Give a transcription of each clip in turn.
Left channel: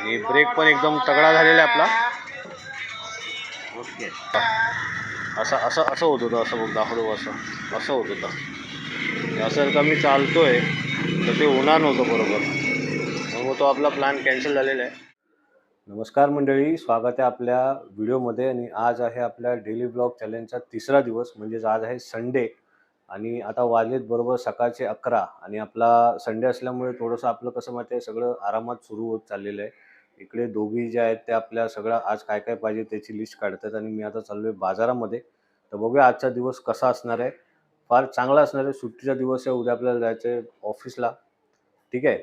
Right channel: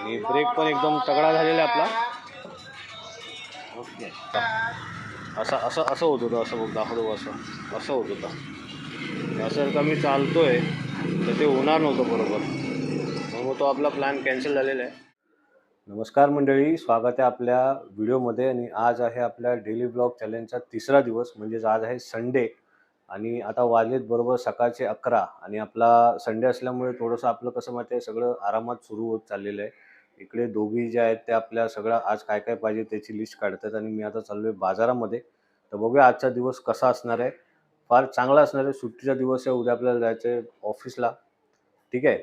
आणि ब्रेक पण एकदम तगडा झालेला आहे आपला. ओके. असं असं असं होत होतं, असं बघ दाखवतो, असं असं होत होतं. असं का मी चालतोय तर ते होणार नव्हतं बरोबर, मग तो आपला प्लॅन कॅन्सल झालेला आहे. नमस्कार मंडळी, स्वागत आहे आपल्या व्हिडिओमध्ये. आणि आज आहे आपल्या डेली ब्लॉग चॅलेंजचा तिसरा दिवस, म्हणजेच आज आहे संडे. आणि आता वाजलेत बरोबर सकाळचे 11. आणि आपला संडे असल्यामुळे थोडंसं आपलं कसं माहिती आहे, सगळं आरामात सुरू होत चाललेलं आहे. इकडे दोघी जे आहेत ते आपल्या सगळं आज काय काय पाहिजे त्याची लिस्ट काढतात. आणि मी आता चाललो आहे बाजारामध्ये. तर बघूया आजचा दिवस कसा असणार आहे. फार चांगला असणार आहे. सुट्टीचा दिवस आहे, उद्या आपल्याला जायचं आहे ऑफिसला. ठीक आहे,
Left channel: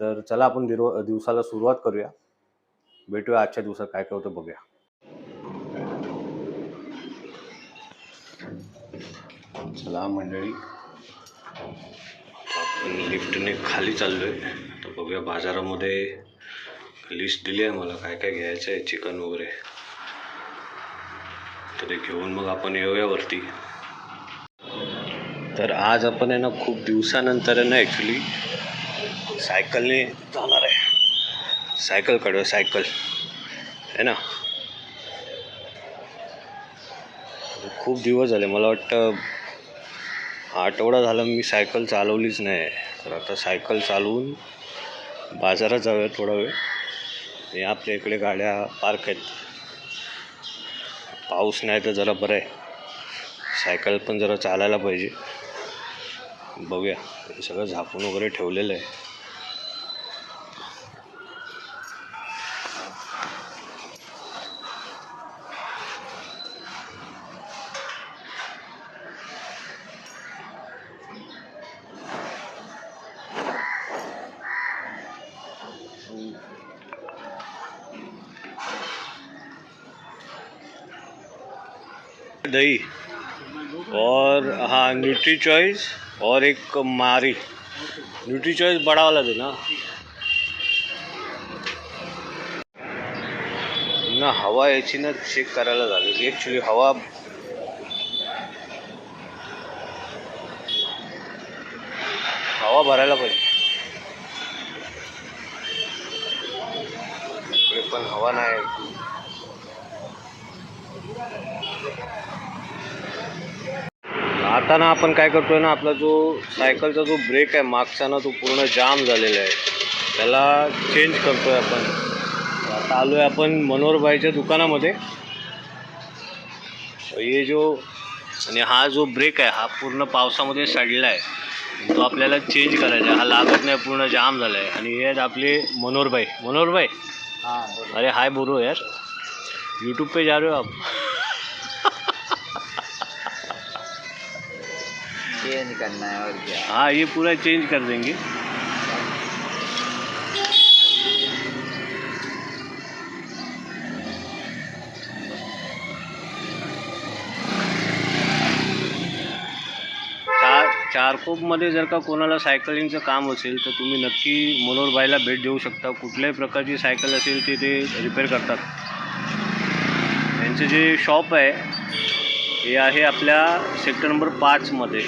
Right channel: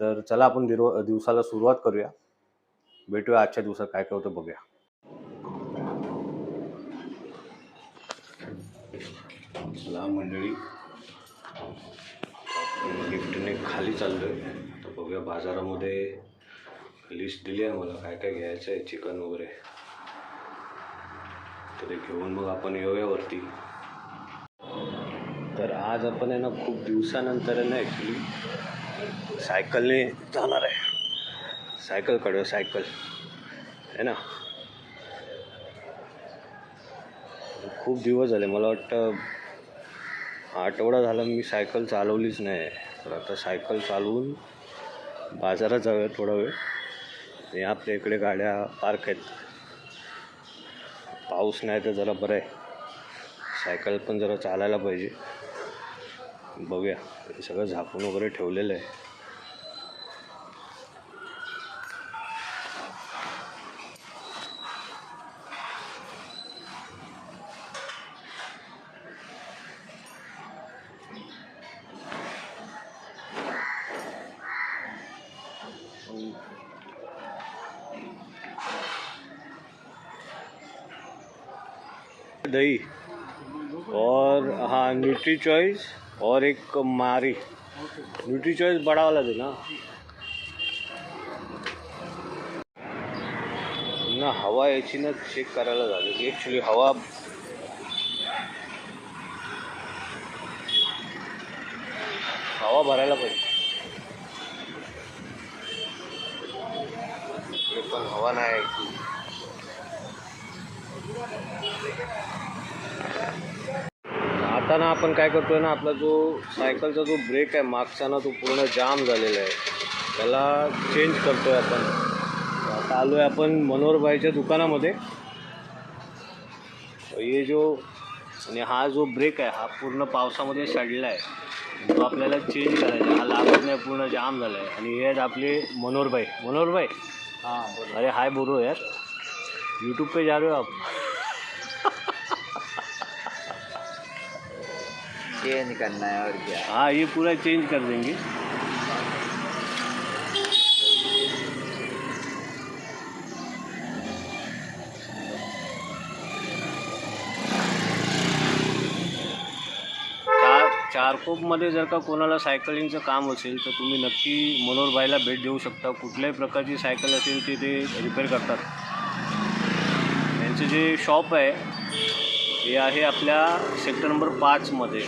तर चला आपण दिवसाला सुरुवात करूया. भेटूया आजच्या दिवसात काय काय होतं बघूया. चला मंडळी, आपण लिफ्टने खाली चाललोय. तर बघूया, बाजारामध्ये लिस्ट दिली आहे मला काय काय घ्यायचं आहे, चिकन वगैरे. तर ते घेऊन मग आपण येऊया वरती. तर आज आपण आहे ना, खूप दिवसानंतर आहे ना ॲक्च्युली सायकलने जाणार आहे. सायकल काढूया, सायकल आहे ना. खूप दिवस झाले, मला वाटतं आठवडा झाला मी सायकल चालवलीच नाही. तर आता सायकल चालवून बाजारात जाऊया थोडा वेळ. आणि आपल्या इकडे गाड्या पार्क आहेत, पाऊस नाही तर जरा बरं आहे. सायकल पण जरा चालायला पाहिजे. बघूया, हे सगळं झाकून वगैरे ठेवलेलं आहे. दही और हाँ न्यूट्री चॉइस और एक मारी. न्यूट्री चॉइस बड़ा वाला देना ना. हवा याची ना चेक करायला झाली ॲक्च्युली. हवा भरायला पाहिजे. इकडे पण हवा नाही. आता ना आपण काय करतोय ना, आपला जो सायकलचा जो ब्रेक आहे मागचा ना, तो पूर्ण जाम झालेला आहे. त्याला चेंज करतोय आपण. आता आलोय आपण मनोहरबाईच्या दुकानामध्ये. हे जो आणि हा जो ब्रेक आहे हा पूर्ण पावसामध्ये सडला आहे, तो आपल्याला चेंज करायचा आहे. हा लागत नाही, पूर्ण जाम झाला आहे. आणि हे आहेत आपले मनोहरबाई. हाँ, अरे हाय बोलो यार, यूट्यूब पे जा रहे हो आप? ये नहीं करना है और क्या. हाँ, ये पूरा चेंज कर देंगे. चारकोपमध्ये जर का कोणाला सायकलिंगचं काम असेल तर तुम्ही नक्की मनोहरबाईला भेट देऊ शकता. कुठल्याही प्रकारची सायकल असेल ती ते रिपेअर करतात. यांचं जे शॉप आहे हे आहे आपल्या सेक्टर नंबर 5मध्ये.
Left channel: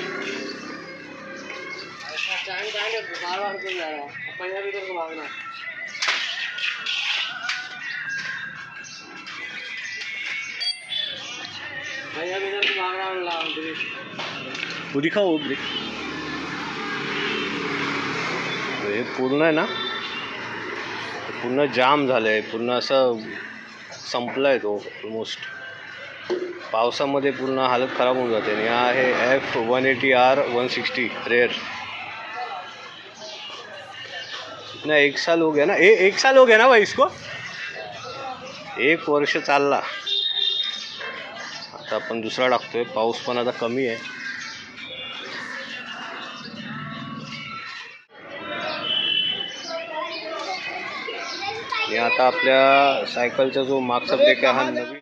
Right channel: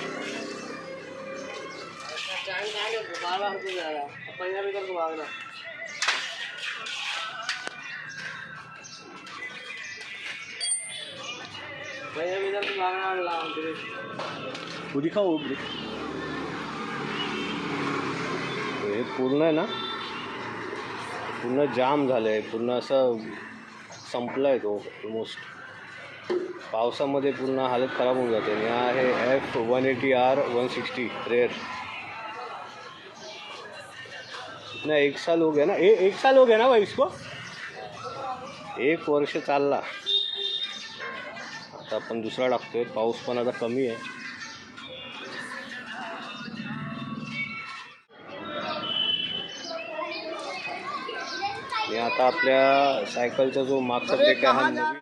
वो दिखाओ ब्रेक. हे पूर्ण आहे ना, पूर्ण जाम झालं आहे, पूर्ण असं संपलं आहे तो ऑलमोस्ट. पावसामध्ये पूर्ण हालत खराब होऊन जाते. आणि हा आहे F180R 160 रेयर. इतना 1 साल हो गया ना, 1 साल हो गया ना भाई इसको. 1 वर्ष चालला. आता आपण दुसरा टाकतोय. पाऊस पण आता कमी आहे. आणि आता आपल्या सायकलचा जो मागचा ब्रेक आहे हा नवीन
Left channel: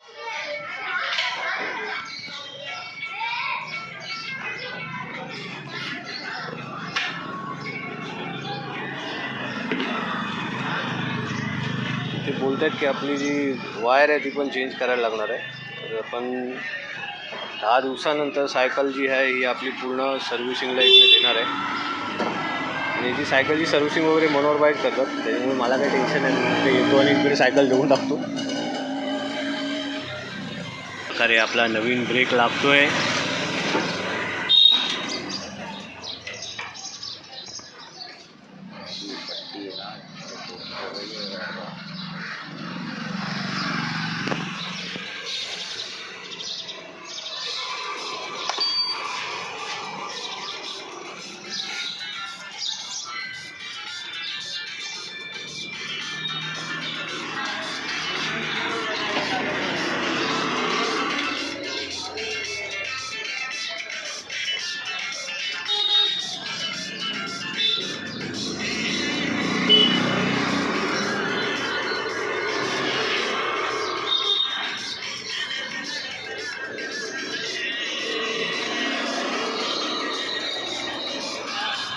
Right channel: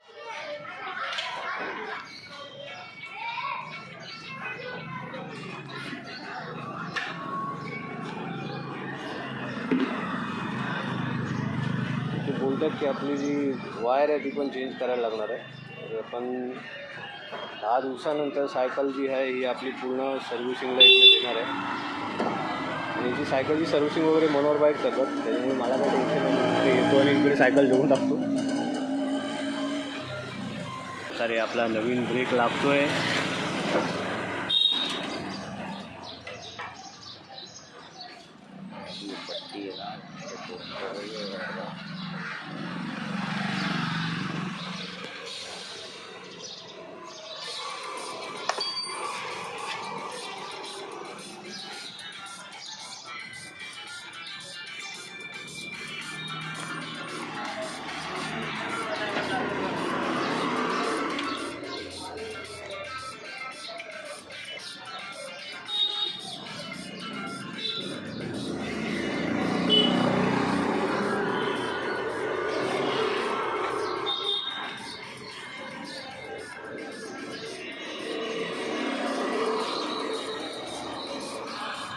ते बोलत आहेत की आपली जी वायर आहे ती पण चेंज करायला लागणार आहे. तर आपण 10 दिवसानंतर सायकल जी आहे ही आपली पूर्ण सर्व्हिसिंगला इकडे देणार आहे. आणि याची सायकलची सर्व्हिसिंग वगैरे मनोहर बाईक करतात, त्याच्यामुळे मला काही टेन्शन नाही. ते येतो आणि इकडे सायकल देऊन टाकतो. अरे आपला नवीन ब्रेक लागतोय.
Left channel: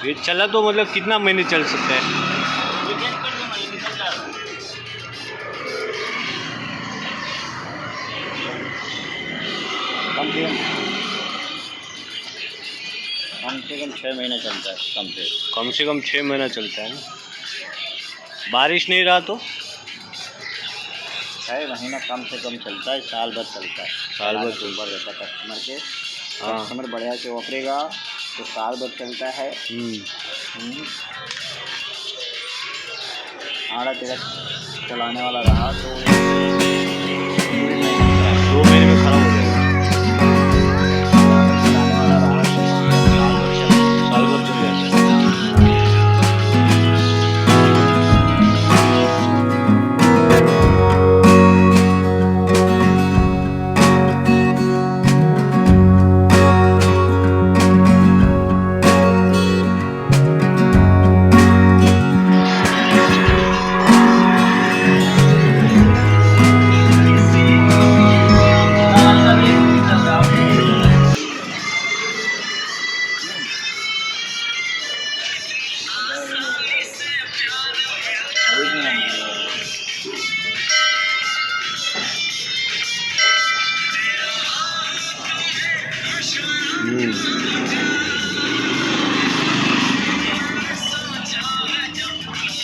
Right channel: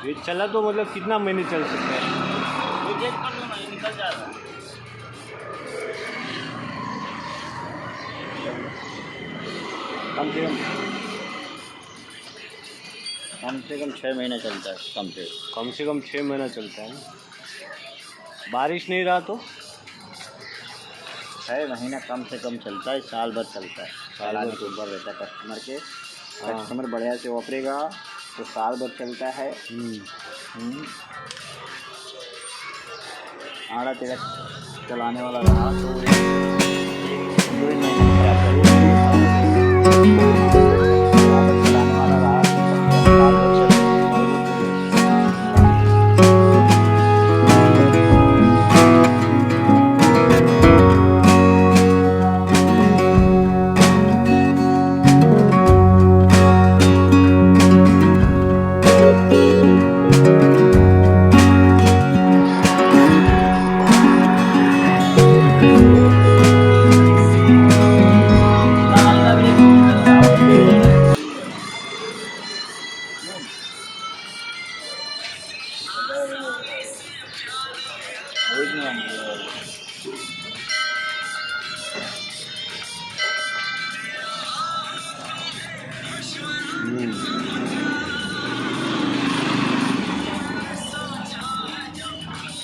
ये चला तो मतलब कितना महीने चल सकता है? कम से कम 6 महीने चलता है कम से कम 6 महीना चलता है ना. बारिश नहीं रहा तो 6 महीना कम से कम चलता है, साल भर चलता है. साल भर ऊपर रहता है कस्टमर के. हाँ. कस्टमर बढ़िया से वापरेगा तो साल भर चलता है. आड़ा तेरा चलाने वाला रहा तो 2 महीने में खराब हो जाएगा. साल भर चल जाएगा.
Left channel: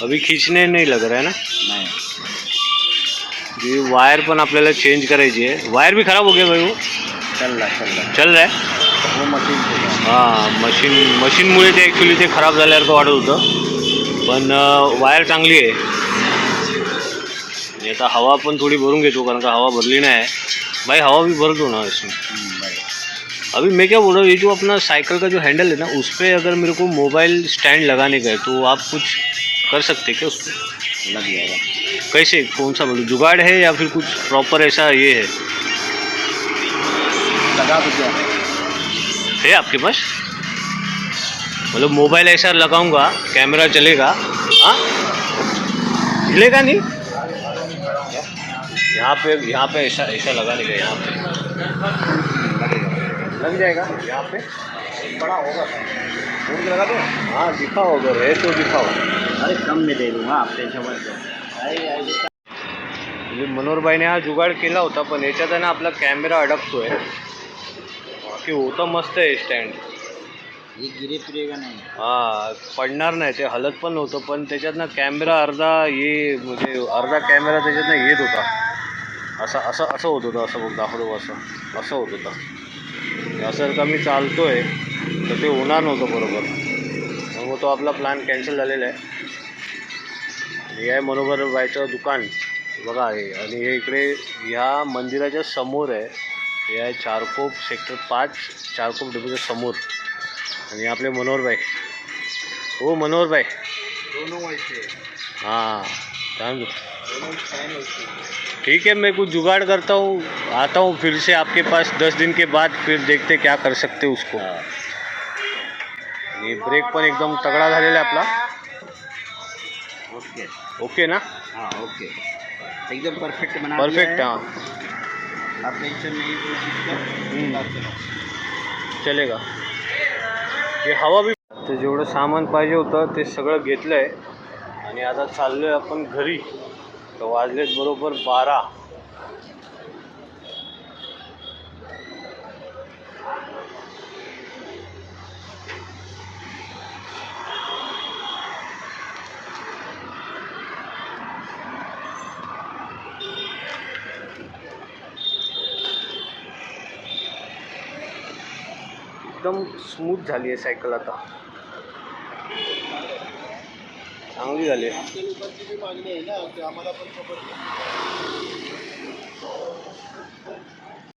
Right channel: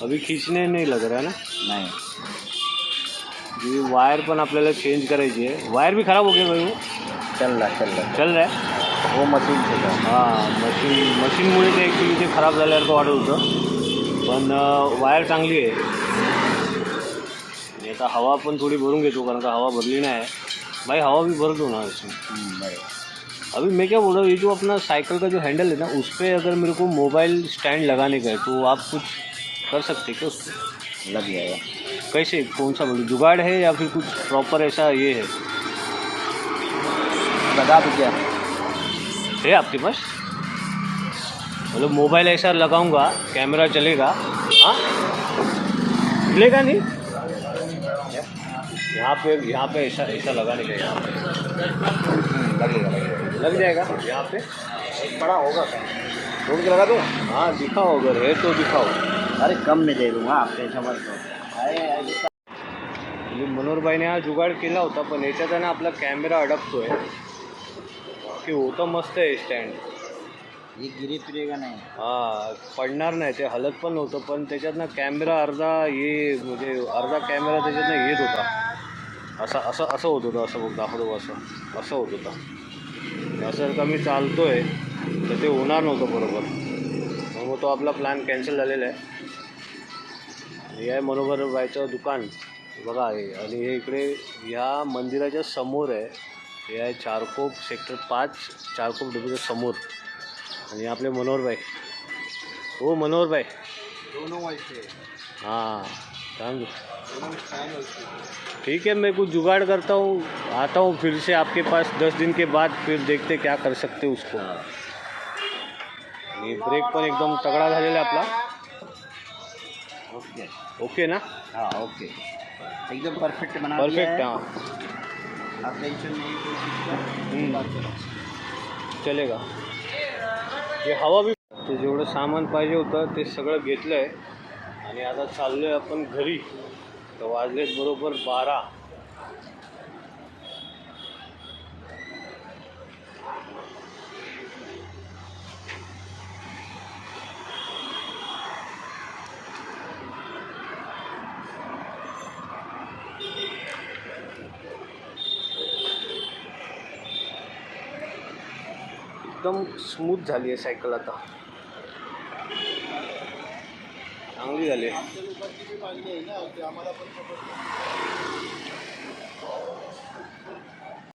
अभी खींचने नहीं लग रहा है ना. नहीं. जी वायर पण आपल्याला चेंज करायची आहे. वायर भी खराब हो गया भाई. वो चल रहा चल रहा है. वो मशीन से. हां मशीनमुळे ते ॲक्च्युली ते खराब झाल्यासारखं वाटत होतं, पण वायर चांगली आहे. आणि आता हवा पण थोडी भरून घेतो, कारण का हवा भरली नाही आहे भाई. हवा भी भर दो ना इसमें. अभी मैं क्या बोल रहा हूँ, ये जो अपना साइकिल का जो हैंडल है ना, उस पर अगर मेरे को मोबाइल स्टैंड लगाने का है तो आप कुछ कर सकते क्या उस पर? लग जाएगा. कैसे, कौन सा बोलूँ, जुगाड़ है या फिर कुछ प्रॉपर ऐसा ये है? लगा तो क्या है आपके पास? मतलब मोबाइल ऐसा लगाऊंगा, कैमरा चलेगा, हाँ हिलेगा नहीं? यहाँ पे ऐसा लगाने का, यहाँ पे लग जाएगा. यहाँ पे लगा दो. हाँ दिखाओ, अगर है तो दिखाओ. अरे कम में दे दूँगा, आप टेन्शन मत लो. म्हणजे मनोहरबाईने हा जुगाड केला होता, पण याच्यात आहे ना आपला कॅमेरा अडकतोय. बाकी होतं मस्त आहे स्टँड. ये गिरे फिरेगा नाही. हां पडणार नाही, ते हलत पण नव्हतं, पण त्याच्यात ना कॅमेरा अर्धा कॅमेरा त्याच्यातनं येत होता. असं असं असं होत होतं. असं बघ दाखवतो, असं होत होतं. असं का मी चालतोय तर ते होणार नव्हतं बरोबर. मग तो आपला प्लॅन कॅन्सल झालेला आहे. हे आहे मनोहर बाईचं दुकान बघा आहे, आणि हे इकडे ह्या मंदिराच्या समोर आहे. हे आहे चारकोप सेक्टर 5 चारकोप डबीच्या समोर. आणि आपले मनोहरबाई. हो मनोहरबाई. दोनों वैसे. हाँ जान दो. ठीक है, मैं कुछ जुगाड़ करता हूँ, आता हूँ फिर से आपके पास 10 दिन के बाद, फिर देखते क्या कर सकते उसको. आणि ब्रेक पण एकदम तगडा झालेला आहे आपला. ओके. ओके ना. हाँ ओके. एकदम परफेक्ट बना परफेक्ट. दिया है. हाँ आप टेंशन नहीं कोई चीज़ का. चलेगा. हे हवा बी. तर जेवढं सामान पाहिजे होतं ते सगळं घेतलं आहे, आणि आता चाललो आहे आपण घरी. तर वाजलेत बरोबर 12. एकदम स्मूथ झाली आहे सायकल आता, चांगली झाली आहे.